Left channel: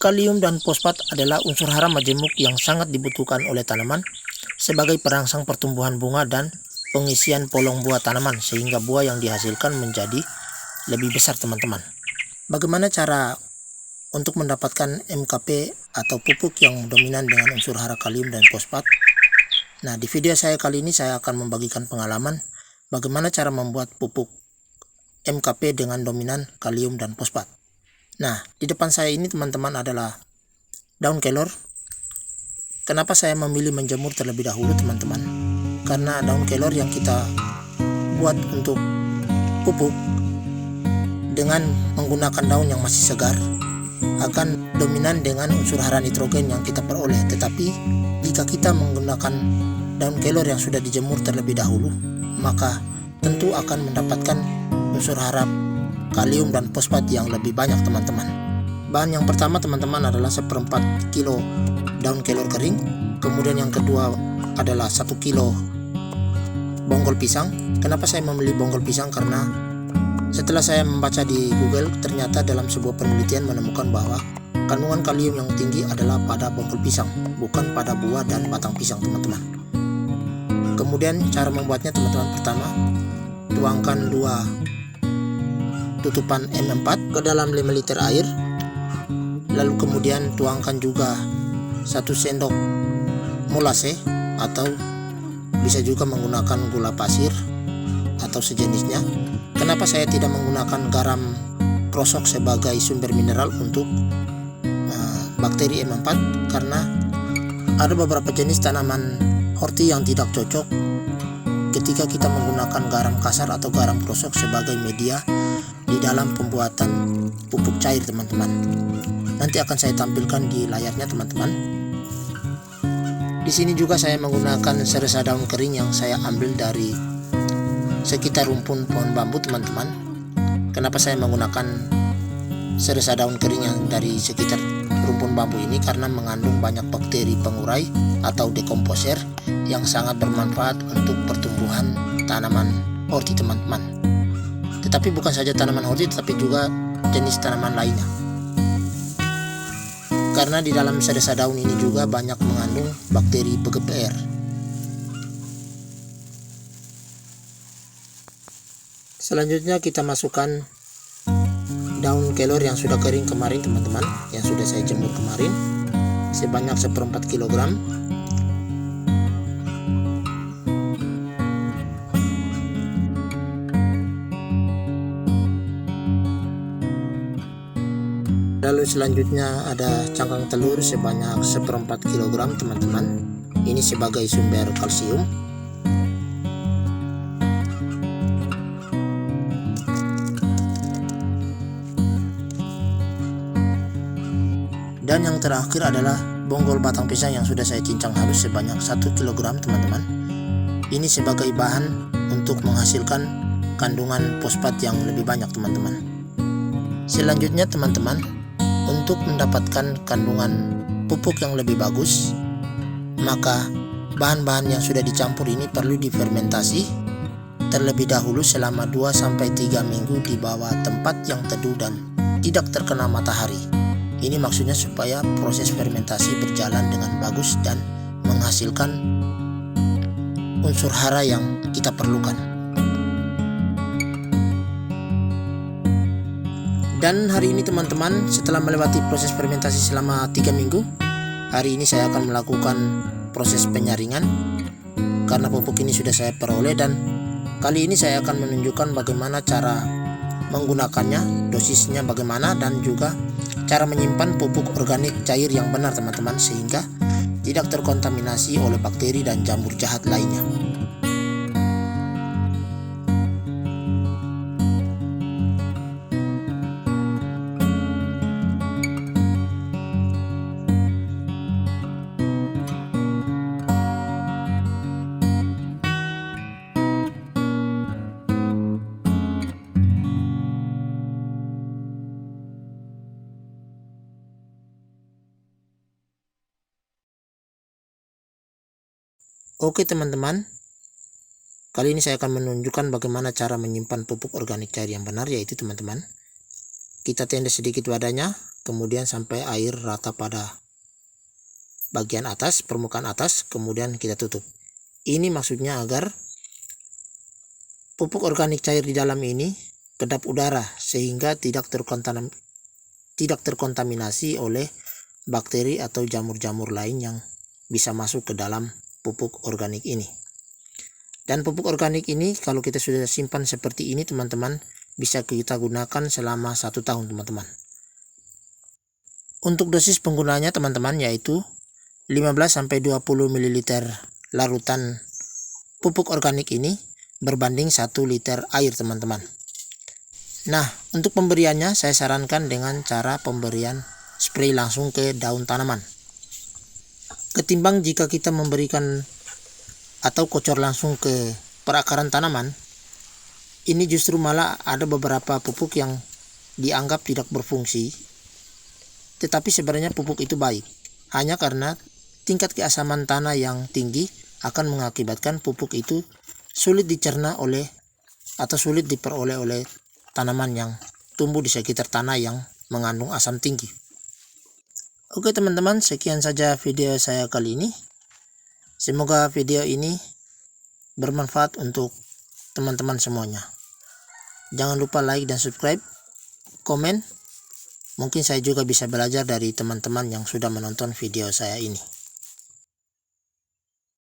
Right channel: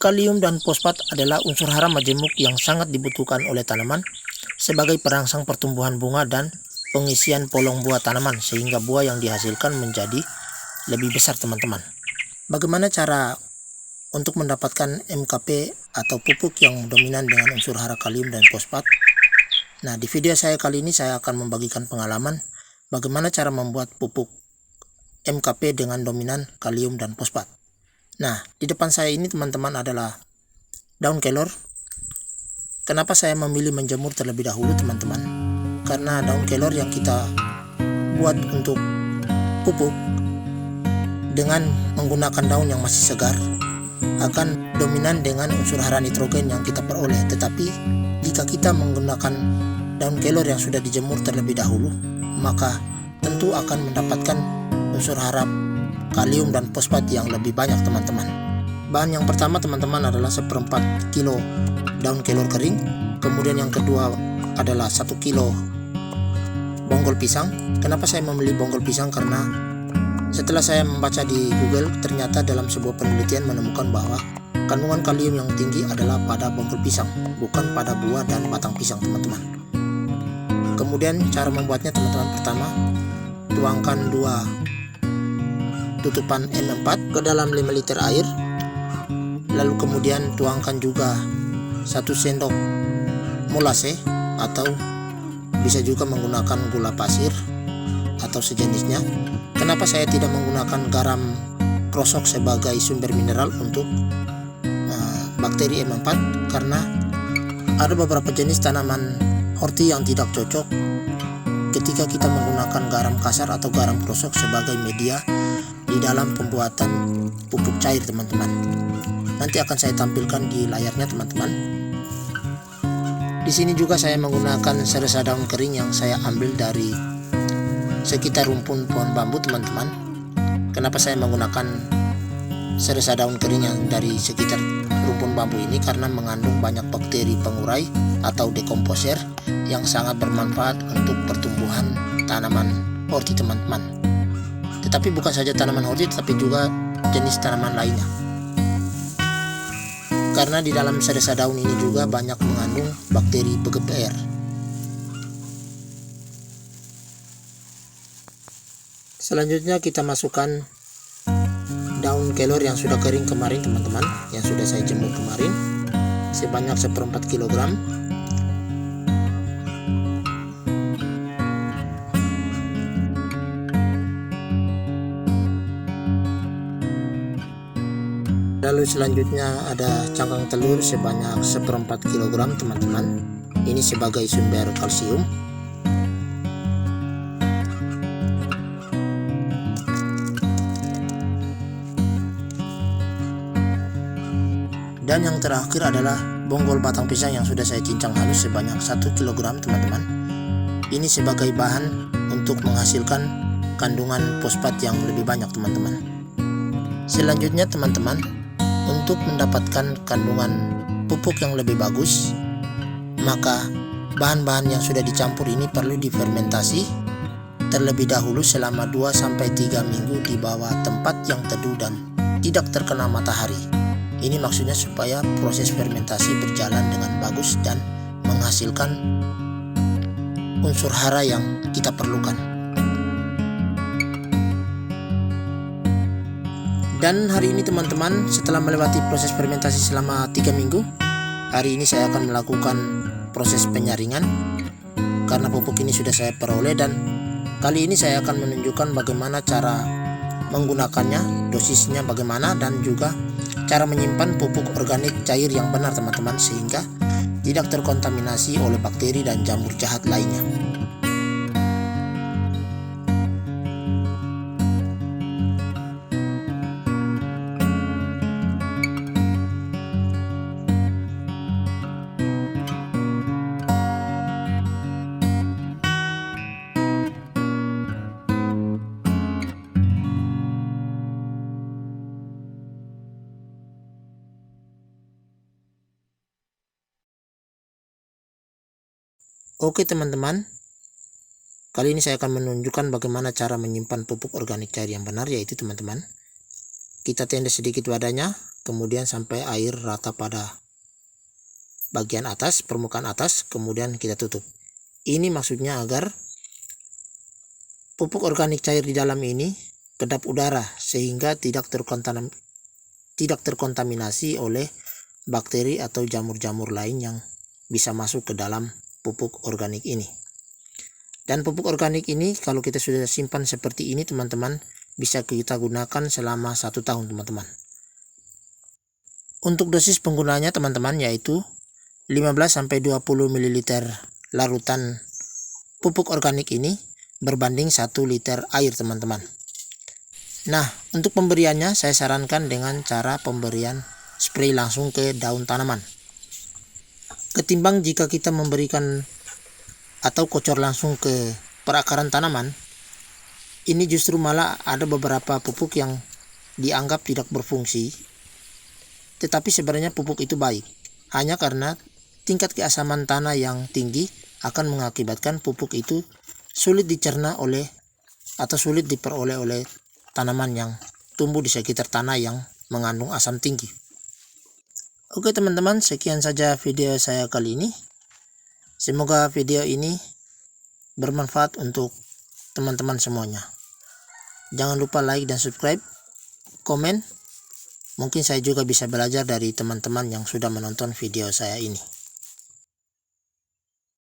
Kalium dan fosfat adalah unsur hara majemuk yang sangat dibutuhkan oleh tanaman sebagai perangsang pertumbuhan bunga dan pengisian polong buah tanaman sehingga buah yang dihasilkan menjadi lebih besar teman-teman. Bagaimana cara untuk mendapatkan MKP atau pupuk yang dominan dengan unsur hara kalium dan fosfat? Nah, di video saya kali ini saya akan membagikan pengalaman bagaimana cara membuat pupuk MKP dengan dominan kalium dan fosfat. Nah, di depan saya ini teman-teman adalah daun kelor. Kenapa saya memilih menjemur terlebih dahulu teman-teman? Karena daun kelor yang kita buat untuk pupuk dengan menggunakan daun yang masih segar akan dominan dengan unsur hara nitrogen yang kita peroleh. Tetapi jika kita menggunakan daun kelor yang sudah dijemur terlebih dahulu, maka tentu akan mendapatkan unsur hara kalium dan fosfat yang lebih banyak teman-teman. Bahan yang pertama teman-teman adalah 1/4 kilo daun kelor kering. Kemudian yang kedua adalah 1 kilo bonggol pisang. Kenapa saya memilih bonggol pisang? Karena setelah saya membaca di Google, ternyata dalam sebuah penelitian menemukan bahwa kandungan kalium yang tinggi adalah pada bonggol pisang, bukan pada buah dan batang pisang teman-teman. Kemudian cara membuatnya teman-teman, pertama tuangkan 2 tutupan M4 ke dalam 5 liter air. Lalu kemudian tuangkan juga 1 sendok molase atau bisa juga menggunakan gula pasir atau sejenisnya. Kenapa saya tidak menggunakan garam krosok sebagai sumber mineral untuk bakteri M4? Karena ada beberapa jenis tanaman horti yang tidak cocok ketika kita menggunakan garam kasar atau garam krosok sebagai media di dalam pembuatan pupuk cair teman-teman. Nanti akan saya tampilkan di layarnya teman-teman. Di sini juga saya menggunakan seresa daun kering yang saya ambil dari sekitar rumpun pohon bambu teman-teman. Kenapa saya menggunakan seresa daun kering yang dari sekitar rumpun bambu ini? Karena mengandung banyak bakteri pengurai atau dekomposer yang sangat bermanfaat untuk pertumbuhan tanaman horti teman-teman. Tetapi bukan saja tanaman horti, tetapi juga jenis tanaman lainnya. Karena di dalam seresa daun ini juga banyak mengandung bakteri PGPR. Selanjutnya kita masukkan daun kelor yang sudah kering kemarin teman-teman, yang sudah saya jemur kemarin, sebanyak 1/4 kilogram. Lalu selanjutnya ada cangkang telur sebanyak 1/4 kilogram teman-teman. Ini sebagai sumber kalsium. Dan yang terakhir adalah bonggol batang pisang yang sudah saya cincang halus sebanyak 1 kilogram teman-teman. Ini sebagai bahan untuk menghasilkan kandungan fosfat yang lebih banyak teman-teman. Selanjutnya teman-teman, untuk mendapatkan kandungan pupuk yang lebih bagus, maka bahan-bahan yang sudah dicampur ini perlu difermentasi terlebih dahulu selama 2-3 minggu di bawah tempat yang teduh dan tidak terkena matahari. Ini maksudnya supaya proses fermentasi berjalan dengan bagus dan menghasilkan unsur hara yang kita perlukan. Dan hari ini teman-teman, setelah melewati proses fermentasi selama 3 minggu, hari ini saya akan melakukan proses penyaringan karena pupuk ini sudah saya peroleh, dan kali ini saya akan menunjukkan bagaimana cara menggunakannya, dosisnya bagaimana, dan juga cara menyimpan pupuk organik cair yang benar teman-teman sehingga tidak terkontaminasi oleh bakteri dan jamur jahat lainnya. Oke teman-teman, kali ini saya akan menunjukkan bagaimana cara menyimpan pupuk organik cair yang benar, yaitu teman-teman, kita tenda sedikit wadahnya, kemudian sampai air rata pada bagian atas, permukaan atas, kemudian kita tutup. Ini maksudnya agar pupuk organik cair di dalam ini kedap udara sehingga tidak terkontaminasi oleh bakteri atau jamur-jamur lain yang bisa masuk ke dalam pupuk organik ini. Dan pupuk organik ini kalau kita sudah simpan seperti ini teman-teman, bisa kita gunakan selama 1 tahun teman-teman. Untuk dosis penggunaannya teman-teman yaitu 15-20 ml larutan pupuk organik ini berbanding 1 liter air teman-teman. Nah, untuk pemberiannya saya sarankan dengan cara pemberian spray langsung ke daun tanaman. Ketimbang jika kita memberikan atau kocor langsung ke perakaran tanaman, ini justru malah ada beberapa pupuk yang dianggap tidak berfungsi, tetapi sebenarnya pupuk itu baik. Hanya karena tingkat keasaman tanah yang tinggi akan mengakibatkan pupuk itu sulit dicerna oleh atau sulit diperoleh oleh tanaman yang tumbuh di sekitar tanah yang mengandung asam tinggi. Oke teman-teman, sekian saja video saya kali ini. Semoga video ini bermanfaat untuk teman-teman semuanya. Jangan lupa like dan subscribe, komen. Mungkin saya juga bisa belajar dari teman-teman yang sudah menonton video saya ini.